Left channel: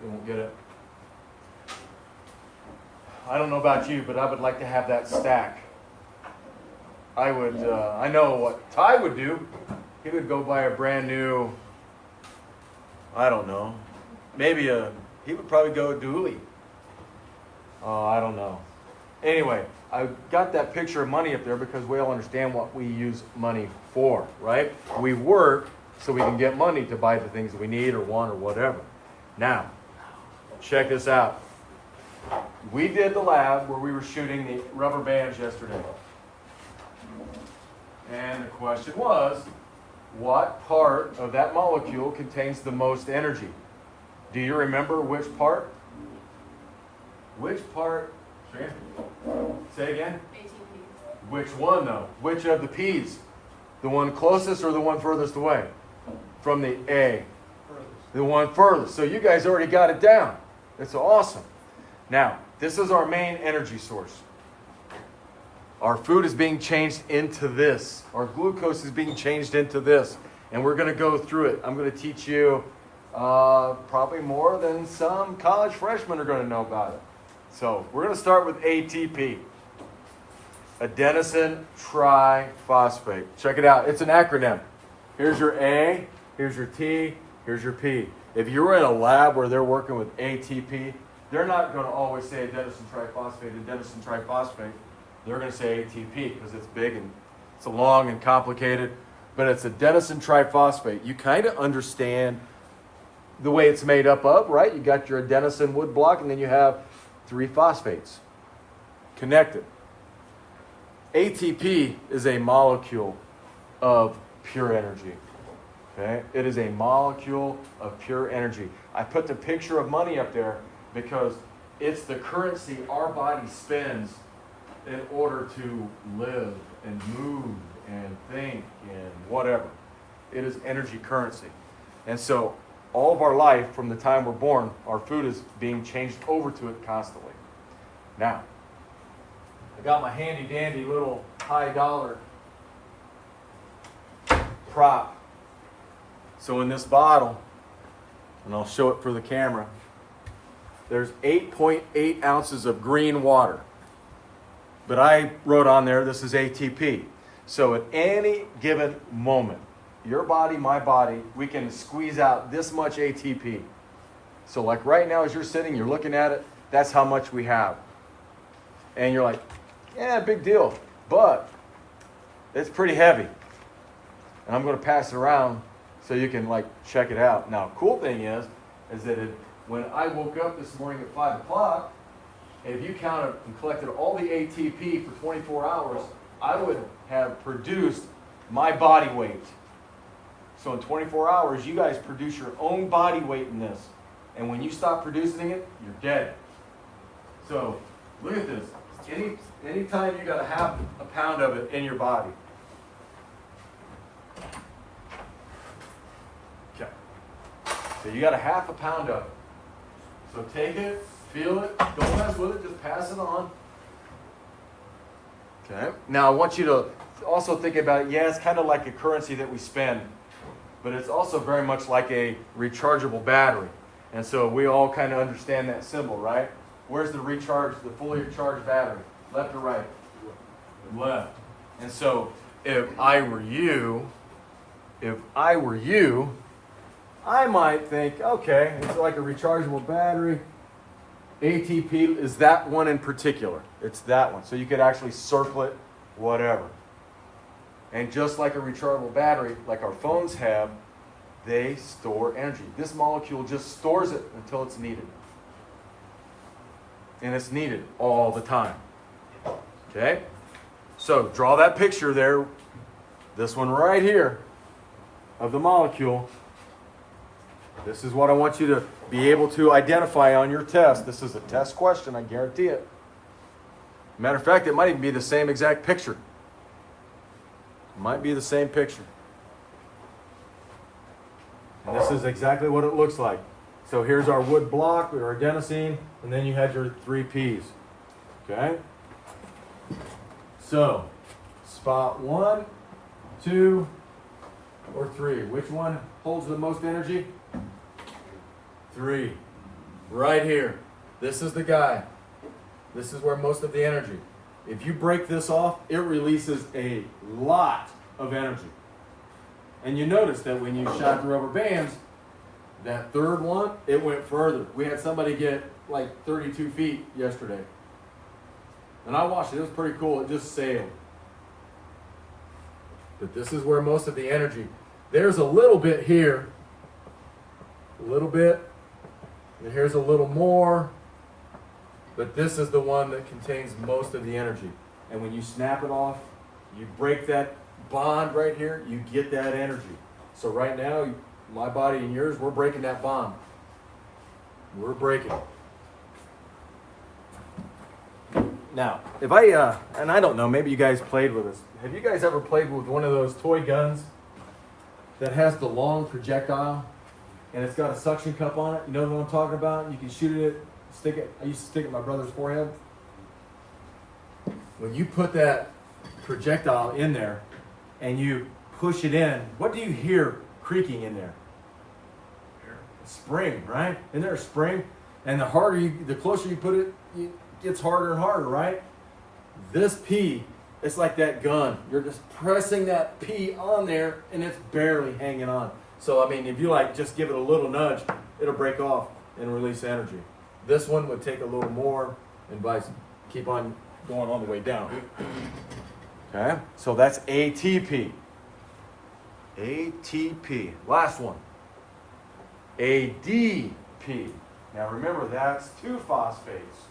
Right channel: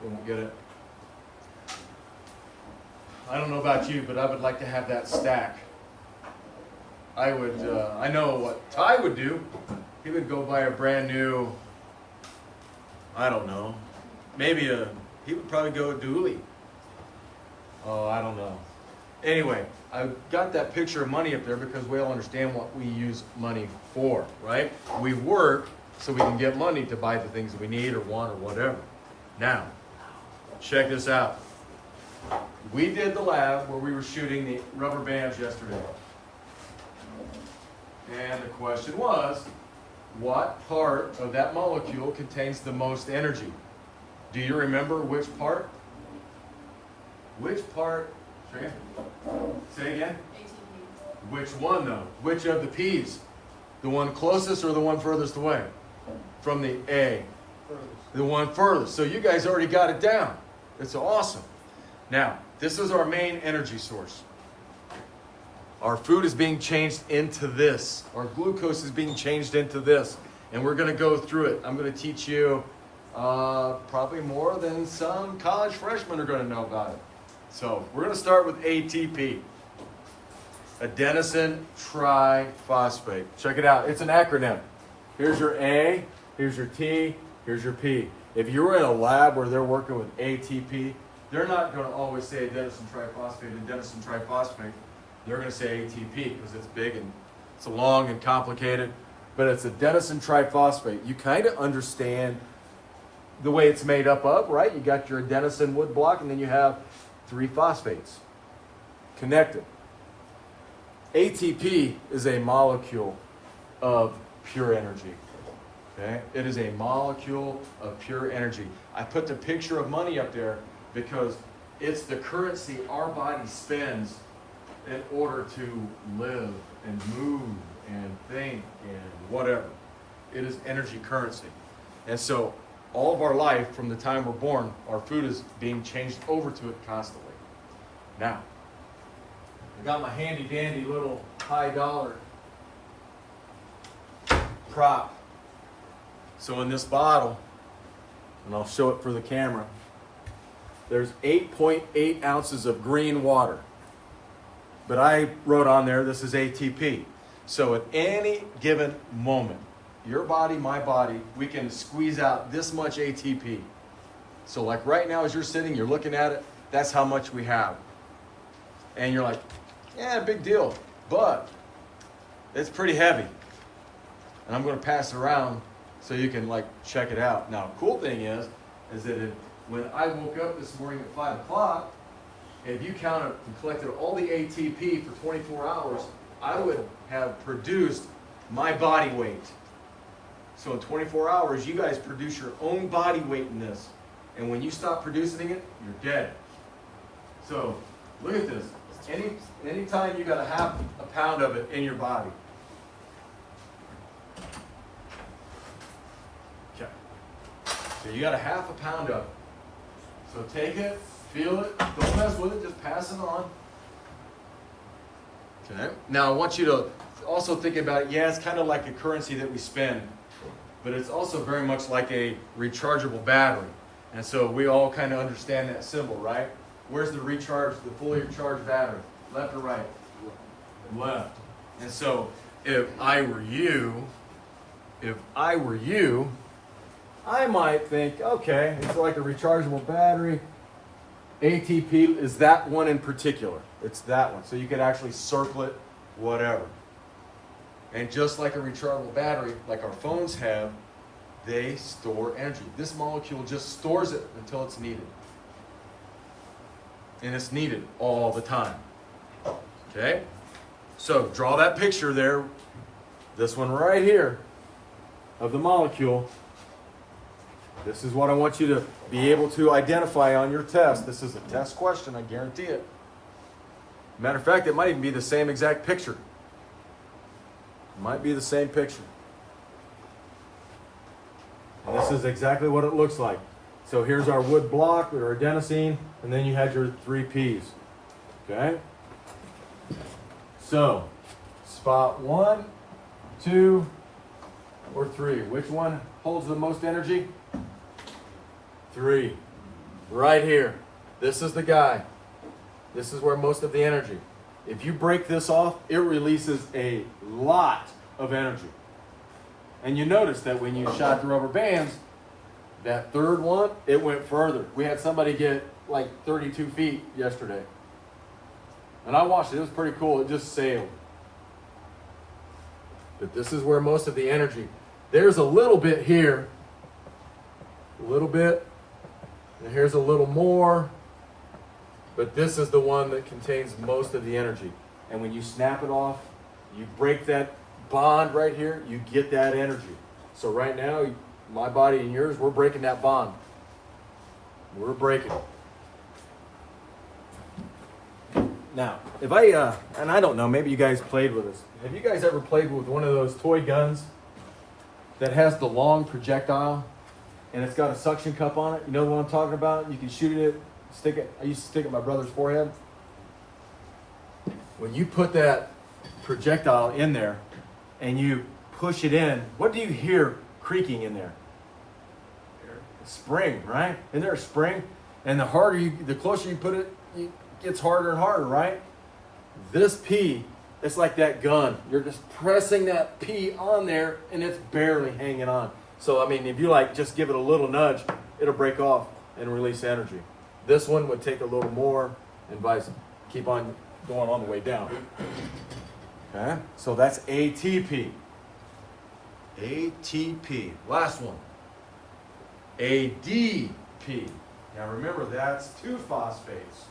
They won't get it. I don't know about you, but I would like to have that stack. I would, I know what Ty would do. He would go buy a brand new, I don't know, maybe he would probably go dually. I don't know. Anyway, I got that picture of money up there because we all understand what we use money for, right? We work so we can get money to buy the things that we need or want or whatever. Now, check this out. We did the lab where we were shooting the rubber bands yesterday. And the question was, what part of that molecule contains the most energy? Do you remember which part? Which part? Say again? ATP. Which one though? Which of the P's? The one closest or the one furthest away? From the A. The one furthest. So you guys already got it down. It's awesome. Now, this is our main energy source. Our food is being changed into this. Our glucose is being changed into this. And we're going to go through it. I'm going to teach you probably more than some college freshmen are going to know about it. So we're going to start with ATP. Adenosine triphosphate. Check it out. It's an acronym. Here's your A, here's your T, here's your P. If you're in a lab where they're working with ATP, they're not going to always say adenosine triphosphate. They're going to say ATP because it's big and it's long and complicated. But it's adenosine triphosphate. You kind of understand the way it's made up of, right? You got your adenosine wood block and then you have 3 phosphates connected. ATP is a molecule of pure energy. Okay? It is a molecule of pure energy. I put the picture of money up there because it's the currency our body spends in order to live and move and think and whatever. It is energy currency. And so all of our life, from the time we're born, our food is being changed over to it constantly. Now, I got my handy dandy little high dollar prop. So in this bottle, and I'll show it for the camera, there's 8.8 ounces of green water. But I wrote on there, this is ATP. So at any given moment, your body, my body, we can squeeze out this much ATP. So like right now as you're sitting, you're looking at it, that's how much we have. And you're like, yeah, big deal. But it's pretty heavy. And I'm going to pass it around so you can like check it out. Now, cool thing is that when I woke up this morning at 5 o'clock, if you counted and collected all the ATP for 24 hours, I would have produced my body weight. So in 24 hours, you guys produce your own body weight in this. And when you stop producing it, you're dead. So look at this. Anytime you got a half a pound of it in your body. Okay. So you got a half a pound of it. So take it, feel it, don't mess with it, just pass it on. Okay. Now I want you to also think about, yeah, it's kind of like a currency that we spend, but it's also very much like a rechargeable battery. And so we all kind of understand that symbol, right? Where's the fully charged battery? Left or right? Left. And so if I were you, I might think, okay, it's like a rechargeable battery. ATP is that one in particular. It's that one. So you could actually circle it, whatever. And just like a rechargeable battery, like our phones have, they store energy. This molecule just stores it until it's needed. And it's needed all the time. Okay? So draw that picture there, this one right here, of the molecule. This is what I want you to be able to identify on your test. This is a test question, I guarantee it. Matter of fact, it might even be the same exact picture. It might be the same picture. And this is exactly what it looks like. So here's our wood block, our adenosine, and then you had your 3 Ps. Okay? So, spot 1, 2, or 3. Which one holds the most energy? 3. right here. This is the guy. This is where most of the energy. If you break this off, it releases a lot of energy. And you notice that when you shot the rubber bands, that third one, it went further. We had somebody get like 32 feet yesterday. And I watched it. It was pretty cool. It just sailed. But this is where most of the energy. There's a little bit here. A little bit. And here's a little more. But this is the one that contains most of the energy. And when you snap it off, you break that bond right here, you get that energy. So right now, my body and yours, we're breaking that bond. We're breaking it. Now, if and I don't know, maybe you guys played with this. Have you guys ever played with one of those toy guns that has the long projectile and it's got a suction cup on it? You know what I'm talking about? You can shoot it, stick it. I used to stick it in my brother's forehead. When you put that projectile in there and you push it in, what do you hear creaking in there? A spring, right? Isn't there a spring? And the closer you put it, it gets harder and harder, right? This P, it's like that gun. You're just pressing that P on there and it's barely hanging on. So, I mean, if you just give it a little nudge, it'll break off and release energy. This one would take a little more and keep on going on the way down. Okay, so that's ATP. ATP. Last one. ADP. Now remember, that's 2 phosphates.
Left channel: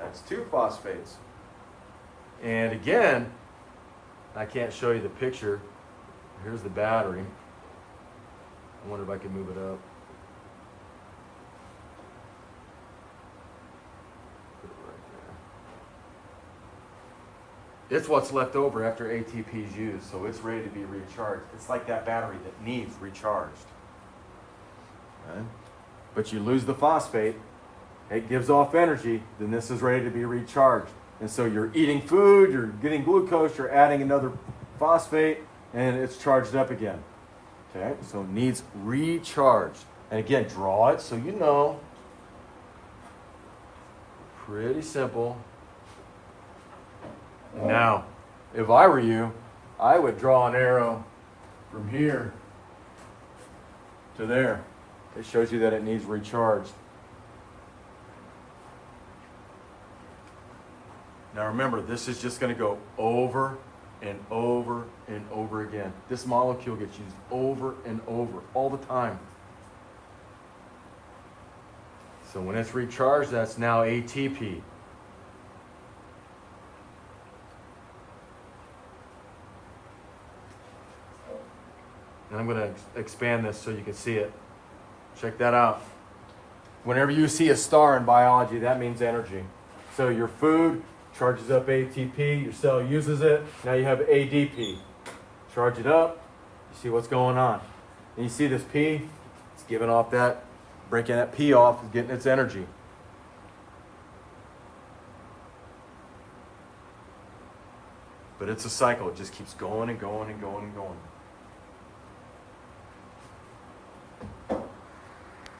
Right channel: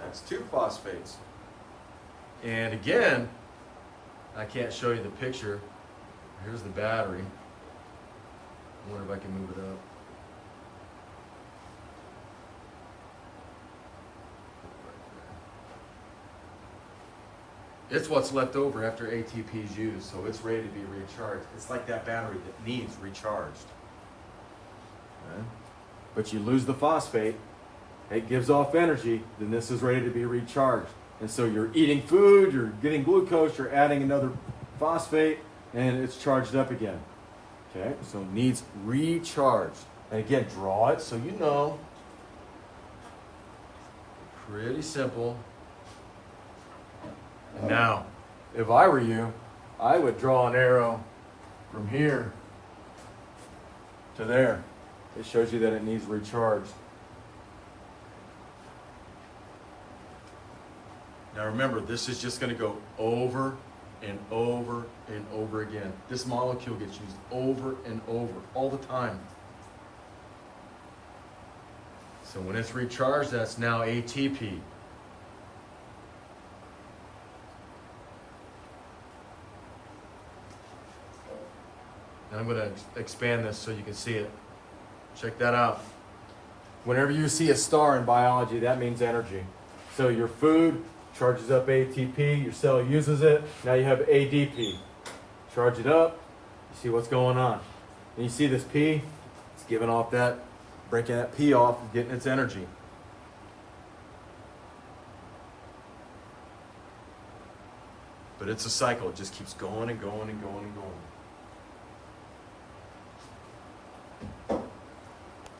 That's 2 phosphates. And again, I can't show you the picture. Here's the battery. I wonder if I can move it up. It's what's left over after ATP is used, so it's ready to be recharged. It's like that battery that needs recharged. Okay. But you lose the phosphate, it gives off energy, then this is ready to be recharged. And so you're eating food, you're getting glucose, you're adding another phosphate, and it's charged up again. Okay, so it needs recharged. And again, draw it so you know. Pretty simple. Now, if I were you, I would draw an arrow from here to there. It shows you that it needs recharged. Now remember, this is just going to go over and over and over again. This molecule gets used over and over all the time. So when it's recharged, that's now ATP. And I'm going to expand this so you can see it. Check that out. Whenever you see a star in biology, that means energy. So your food charges up ATP, your cell uses it, now you have ADP. Charge it up, you see what's going on. And you see this P, it's giving off that, breaking that P off and getting its energy. But it's a cycle, it just keeps going and going and going and going.